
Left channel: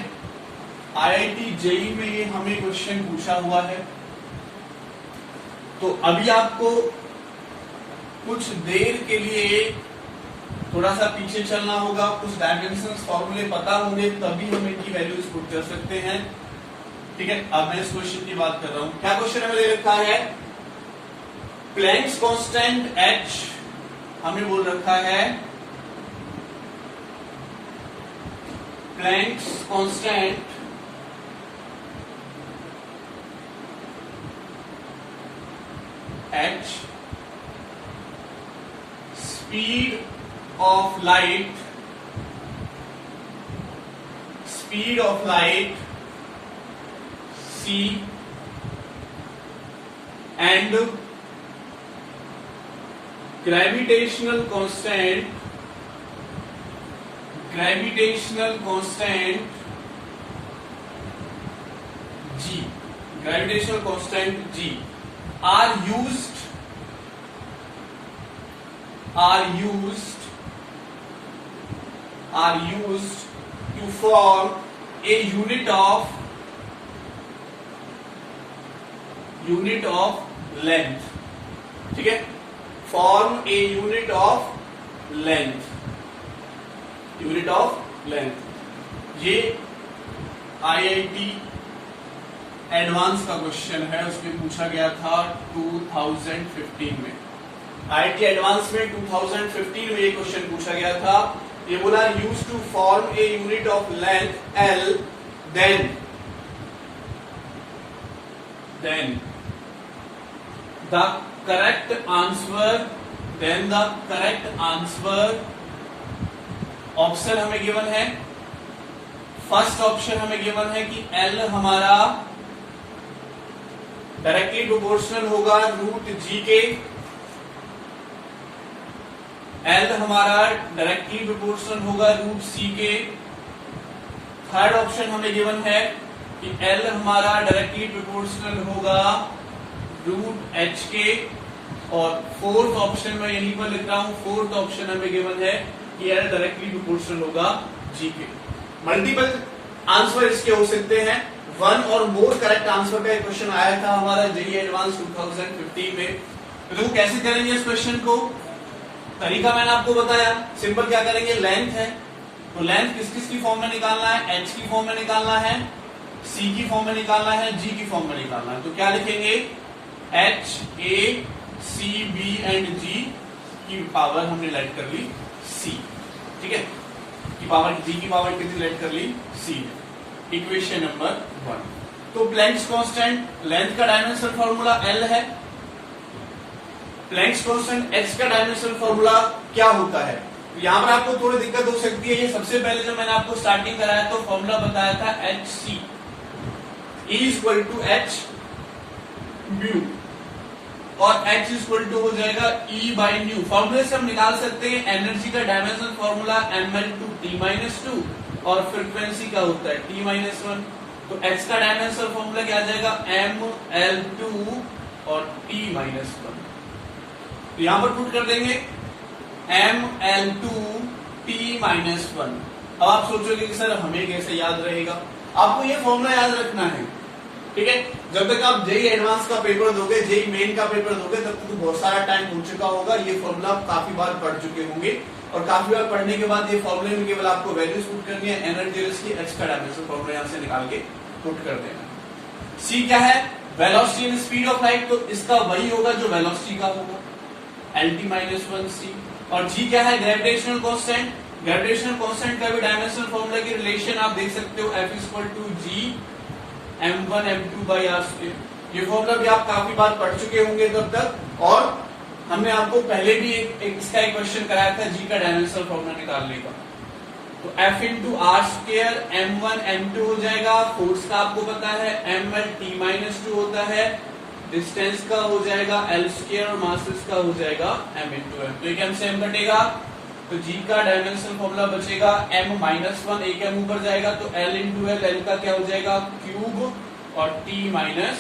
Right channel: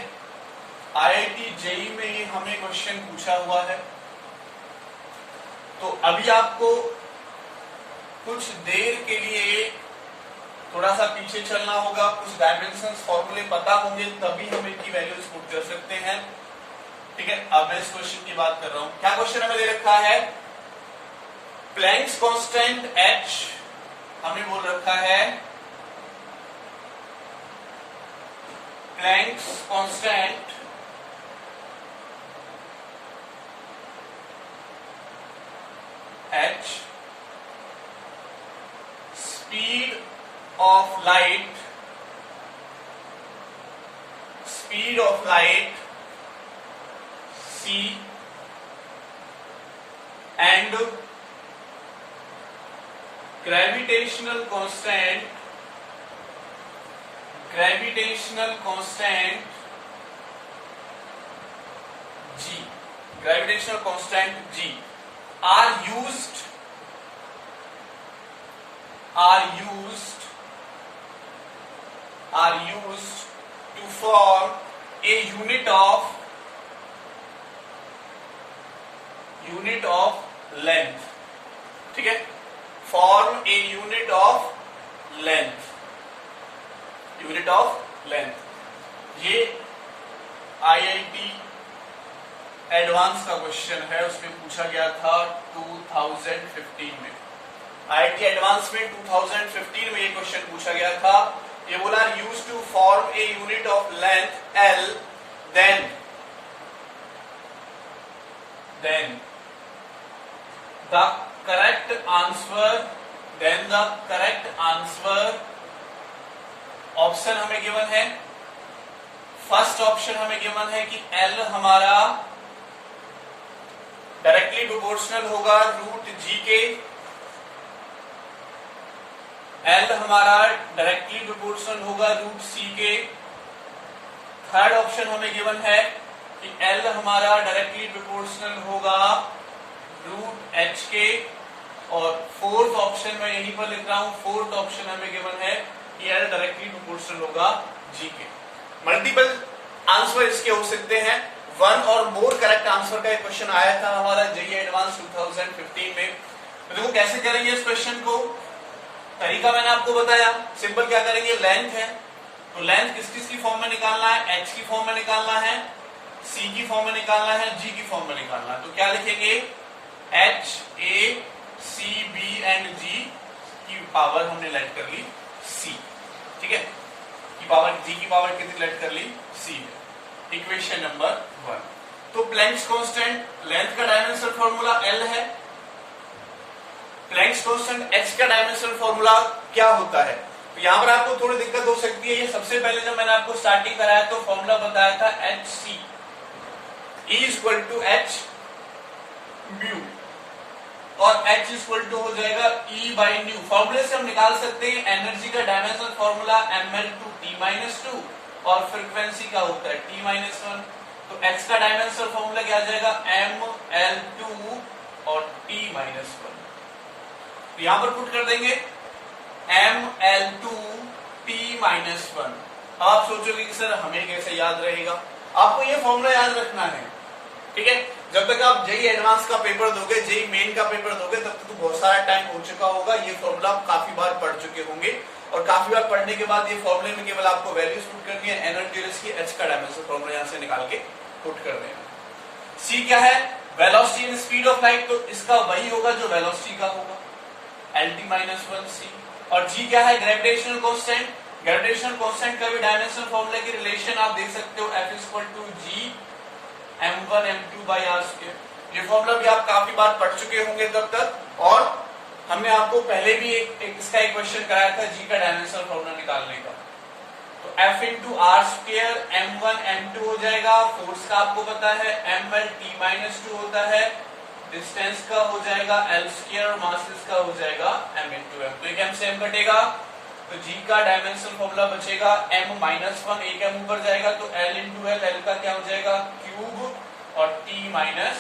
आईआईटी जेई में ये हमें क्वेश्चन पूछा हुआ है। तो अभी आपको कुछ देर के लिए थोड़ा सा पीछे चलना होगा, कुछ डायमेंशंस फॉर्मूले पता होंगे, तभी हम इनकी वैल्यूज पुट कर सकते हैं, ठीक है। अब मैं इस क्वेश्चन की बात कर रहा हूं। क्या क्वेश्चन हमें दे रखा है, प्लैंक्स कांस्टेंट h हमें बोल रखा है, Planck's constant h, speed of light c, and gravitational constant g are used are used to form a unit of length, ठीक है, form a unit of length. ये आईआईटी एडवांस का क्वेश्चन है, उसमें पूछा गया था 2015 में। आईआईटी एडवांस में 2015 में ये क्वेश्चन पूछा गया था। ये बोला use to form a unit of length L, then the correct answer option हमें गिवन है। फर्स्ट ऑप्शन हमें गिवन है कि एल हमारा डायरेक्टली प्रोपोर्शनल होगा रूट जी के। एल हमारा डायरेक्टली प्रोपोर्शनल होगा रूट सी के। थर्ड ऑप्शन हमें गिवन है कि एल हमारा डायरेक्टली प्रोपोर्शनल होगा रूट एच के। और फोर्थ ऑप्शन मैं यहीं पर लिख रहा हूं, फोर्थ ऑप्शन हमें गिवन है कि एल डायरेक्टली प्रोपोर्शनल होगा जी के। मल्टीपल आंसर इसके हो सकते हैं, वन और मोर करेक्ट आंसर का एक क्वेश्चन आया था हमारा जेईई एडवांस 2015 में। तो देखो कैसे करेंगे इस क्वेश्चन को, तरीका मैंने आपको बताया। सिंपल क्या करेंगे, लेंथ है तो लेंथ किस किस की फॉर्म में निकालना है, एच की फॉर्म में निकालना है, सी की फॉर्म में निकालना है, जी की फॉर्म में निकालना है। तो क्या लिखेंगे, H A C B and G की पावर हमने लेट कर ली सी, ठीक है, की पावर जी की पावर कितनी लेट कर ली सी है। Equation number 1। तो प्लैंक्स कांस्टेंट, लेंथ का डायमेंशन फॉर्मूला एल है। प्लैंक्स कांस्टेंट एच का डायमेंशन फॉर्मूला क्या होता है, तो यहां पर आपको थोड़ी दिक्कत हो सकती है। ये सबसे पहले जब मैंने आपको स्टार्टिंग कराया तो फॉर्मूला बताया था H C equal to H mu, और H इक्वल टू हो जाएगा E बाई न्यू। फॉर्मूले से हम निकाल सकते हैं एनर्जी का डायमेंशन फॉर्मूला ml2T-2, और फ्रीक्वेंसी का होता है T-1। तो X का डायमेंशन फॉर्मूला क्या आ जाएगा, ml2 और T-1। तो यहां पर पुट कर देंगे ml2T-1। अब आप सोचोगे कि सर हमें कैसे याद रहेगा, आपको ये फॉर्मूला याद रखना है, ठीक है। जब तक आप जेईई एडवांस का पेपर दोगे, जेईई मेन का पेपर दोगे, तब तक तो बहुत सारा टाइम हो चुका होगा। ये फॉर्मूला आप काफी बार पढ़ चुके होंगे, और काफी बार पढ़ने के बाद ये फॉर्मूले में केवल आपको वैल्यूज पुट करनी है, एनर्जी की, एच का डायमेंशन फॉर्मूला यहां से निकाल के पुट कर देना। सी क्या है, velocity and speed of light, तो इसका वही होगा जो वेलोसिटी का होगा, LT-1C। और जी क्या है, ग्रेविटेशनल कांस्टेंट। ग्रेविटेशनल कांस्टेंट का भी डायमेंशनल फॉर्मूला की रिलेशन आप देख सकते हो, F equal to G m1 m2 by R square. ये फॉर्मूला भी आप काफी बार पढ़ चुके होंगे तब तक, और हमने आपको पहले भी इसका एक क्वेश्चन कराया था जी का डायमेंशनल फॉर्मूला निकालने का। तो F into are square m1 m2 हो जाएगा। फोर्स का आपको पता है ml-T-2 होता है, डिस्टेंस का हो जाएगा L स्क्वायर, और मासेस का हो जाएगा m इंटू m। तो एक m से m कटेगा, तो जी का डायमेंशनल फॉर्मूला बचेगा m-1, एक m ऊपर जाएगा तो L इंटू L का क्या हो जाएगा क्यूब, और T-2।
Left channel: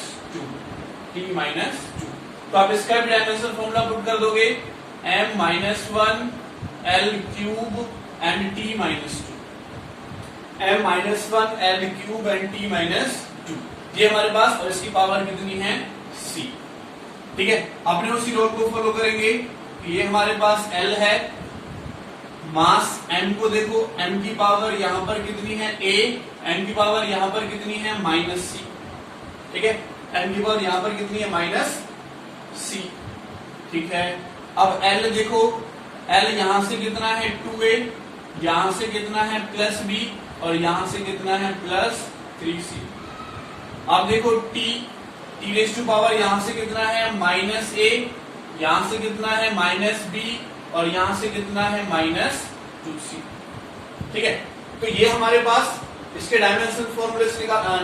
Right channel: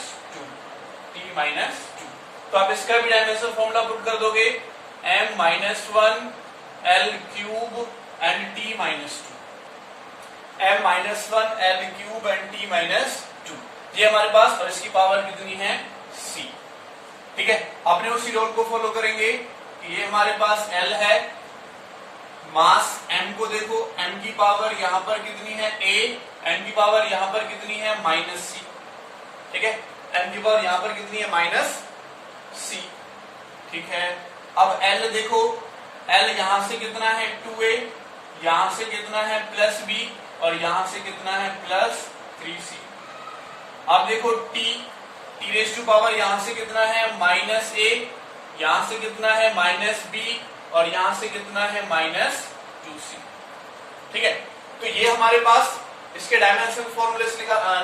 तो आप इसका भी डायमेंशनल फॉर्मूला पुट कर दोगे, m-1 L cube and T-2, m-1 L cube and T-2, ये हमारे पास, और इसकी पावर कितनी है c, ठीक है। अपने उसी रूल को फॉलो करेंगे। ये हमारे पास L है, मास m को देखो, m की पावर यहां पर कितनी है a, n की पावर यहां पर कितनी है -c, ठीक है, n की पावर यहां पर कितनी है -c, ठीक है। अब L देखो, L यहां से कितना है 2a, यहां से कितना है +b, और यहां से कितना है +3c। अब देखो T रेज़ टू पावर यहां से कितना है -a, यहां से कितना है -b, और यहां से कितना है -2c, ठीक है। तो ये हमारे पास इसके डायमेंशन फॉर्मूले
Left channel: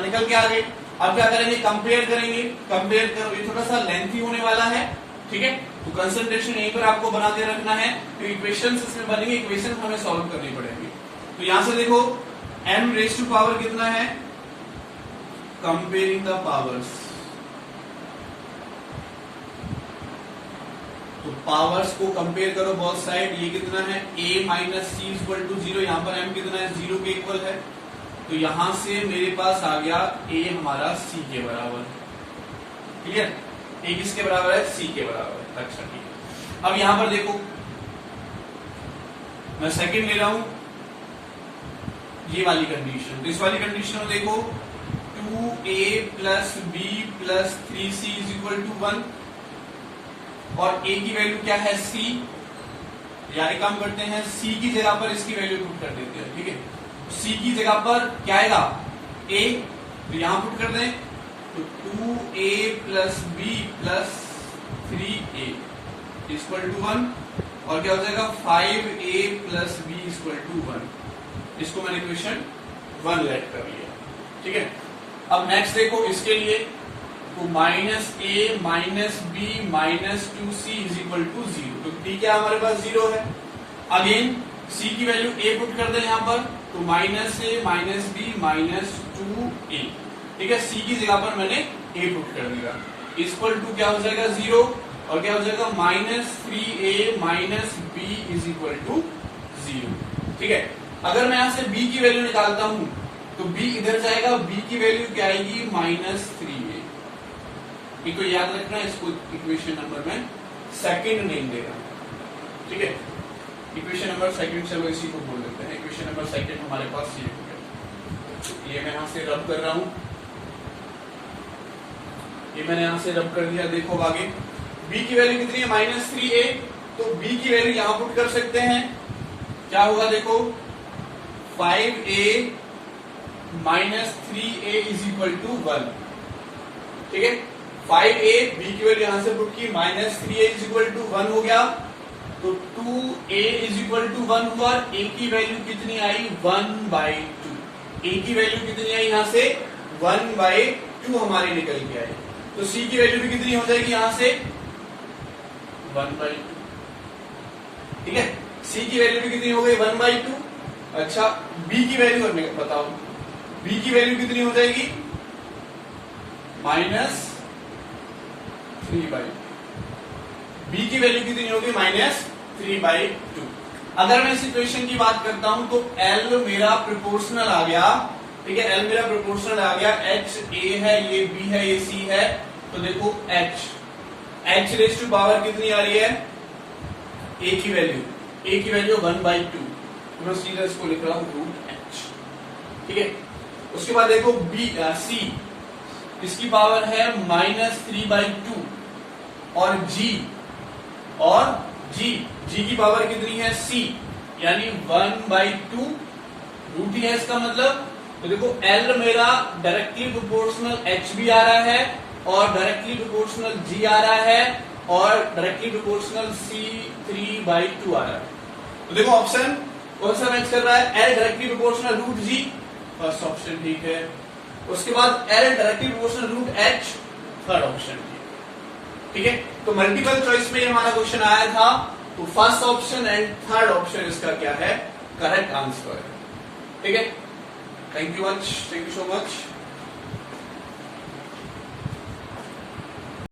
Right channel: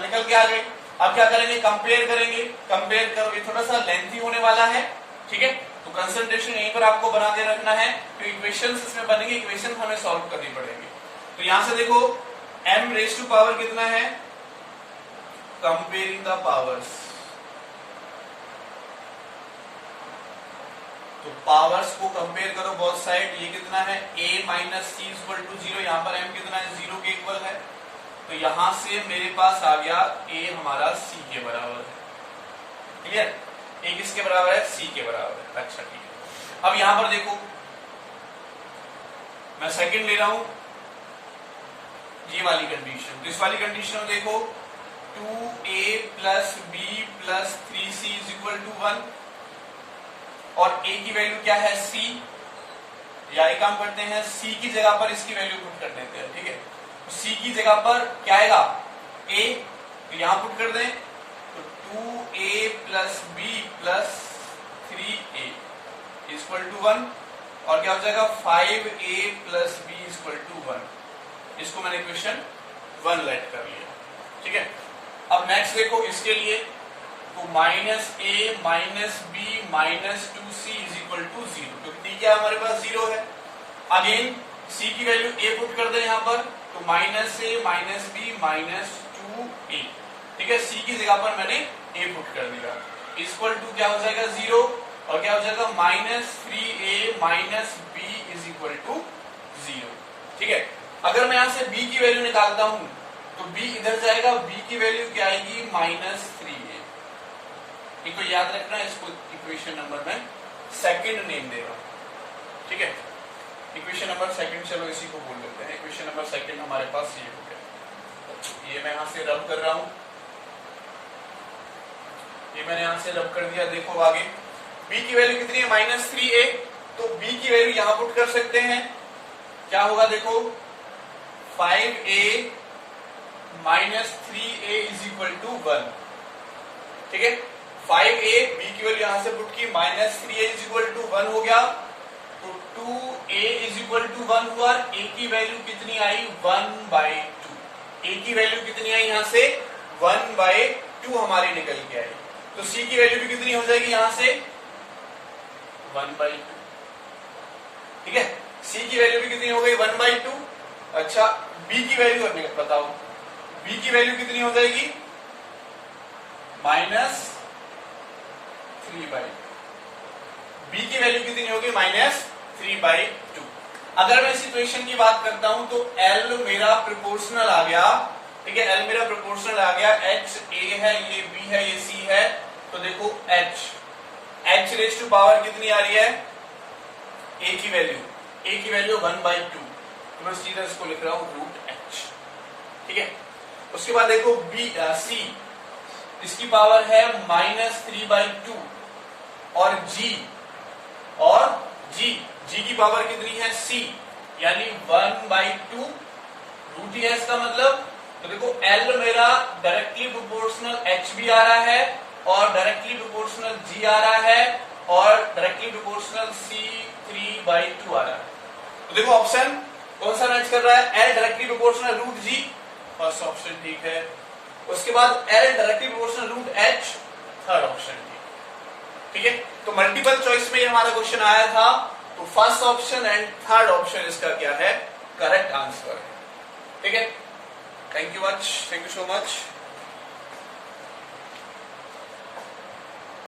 निकल के आ गए। अब क्या करेंगे, कंपेयर करेंगे। कंपेयर करो, ये थोड़ा सा लेंथी होने वाला है, ठीक है। तो कंसंट्रेशन यहीं पर आपको बना के रखना है, तो इक्वेशंस इसमें बनेंगे, इक्वेशन हमें सॉल्व करनी पड़ेगी। तो यहां से देखो m रेज़ टू पावर कितना है, कंपेयरिंग द पावर्स, तो तो पावर्स को कंपेयर करो बोथ साइड, ये कितना है a minus C equal to 0, यहाँ पर m कितना है 0 के इक्वल है, तो यहां से मेरे पास आ गया a हमारा c के बराबर। क्लियर, a किसके बराबर है c के बराबर है। अच्छा ठीक है, अब यहां पर देखो मैं सेकंड ले रहा हूं ये वाली कंडीशन, तो इस वाली कंडीशन में देखो 2a plus b plus 3c is equal to 1 और a की वैल्यू क्या है c, या एक काम करते हैं c की जगह पर इसकी वैल्यू पुट कर देते हैं। ठीक है, c की जगह पर क्या आएगा a, तो यहां पुट कर दें तो 2a plus b plus 3a equal to 1 और क्या हो जाएगा 5a plus b equal to 1। इसको मैंने इक्वेशन 1 लेट कर लिया। ठीक है, अब नेक्स्ट देखो इसके लिए तो minus a minus b minus 2c is equal to 0, तो d क्या हमारे पास 0 है। अगेन c की वैल्यू a पुट कर दें यहाँ पर, तो minus a minus b minus 2a। ठीक है, c की जगह पर मैंने a पुट कर दिया, इक्वल टू क्या हो जाएगा 0 और क्या हो जाएगा minus 3a minus b is equal to 0। ठीक है, अगर मैं यहां से b की वैल्यू निकालता हूं तो b इधर जाएगा, b की वैल्यू क्या आएगी माइनस 3a। इनको याद रखना, इसको इक्वेशन नंबर में सेकंड नेम देगा। ठीक है, इक्वेशन नंबर सेकंड, चलो इसी को बोल लेते हैं इक्वेशन नंबर सेकंड हमारे पास ये हो गया। ये मैं यहां से रब कर रहा हूं, ये मैंने यहां से रब कर दिया। देखो आगे b की वैल्यू कितनी है माइनस 3a, तो b की वैल्यू यहां पुट कर सकते हैं, क्या होगा देखो 5a minus 3a is equal to 1। ठीक है, 5a b की वैल्यू यहां से पुट की, minus 3a is equal to 1 हो गया, तो 2a इज इक्वल टू 1 हुआ। a की वैल्यू कितनी आई 1/2, a की वैल्यू कितनी आई यहां से 1/2 हमारी निकल के आई, तो c की वैल्यू भी कितनी हो जाएगी यहां से 1/2। ठीक है, c की वैल्यू भी कितनी हो गई 1/2। अच्छा b की वैल्यू बताओ, b की वैल्यू कितनी हो जाएगी माइनस 3/2। b की वैल्यू कितनी होगी माइनस 3/2। अगर मैं इस इक्वेशन की बात करता हूं तो l मेरा प्रोपोर्शनल आ गया। ठीक है, l मेरा प्रोपोर्शनल आ गया, h a है, ये b है, ये c है, तो देखो h रेज टू पावर कितनी आ रही है a की वैल्यू 1/2, तो मैं सीधा इसको लिख रहा हूं √h। ठीक है, उसके बाद देखो c, इसकी पावर है माइनस 3/2 और g की पावर कितनी है c, यानी 1/2 √h है इसका मतलब। तो देखो l मेरा डायरेक्टली प्रोपोर्शनल h भी आ रहा है और डायरेक्टली प्रोपोर्शनल g आ रहा है और डायरेक्टली प्रोपोर्शनल c 3/2 आ रहा है। तो देखो ऑप्शन कौन सा मैच कर रहा है, l directly proportional √g, first option ठीक है। उसके बाद l directly proportional √h, third option ठीक है। तो मल्टीपल चॉइस में हमारा क्वेश्चन आया था, तो first option and third option इसका क्या है, करेक्ट आंसर है। ठीक है, थैंक यू सो मच।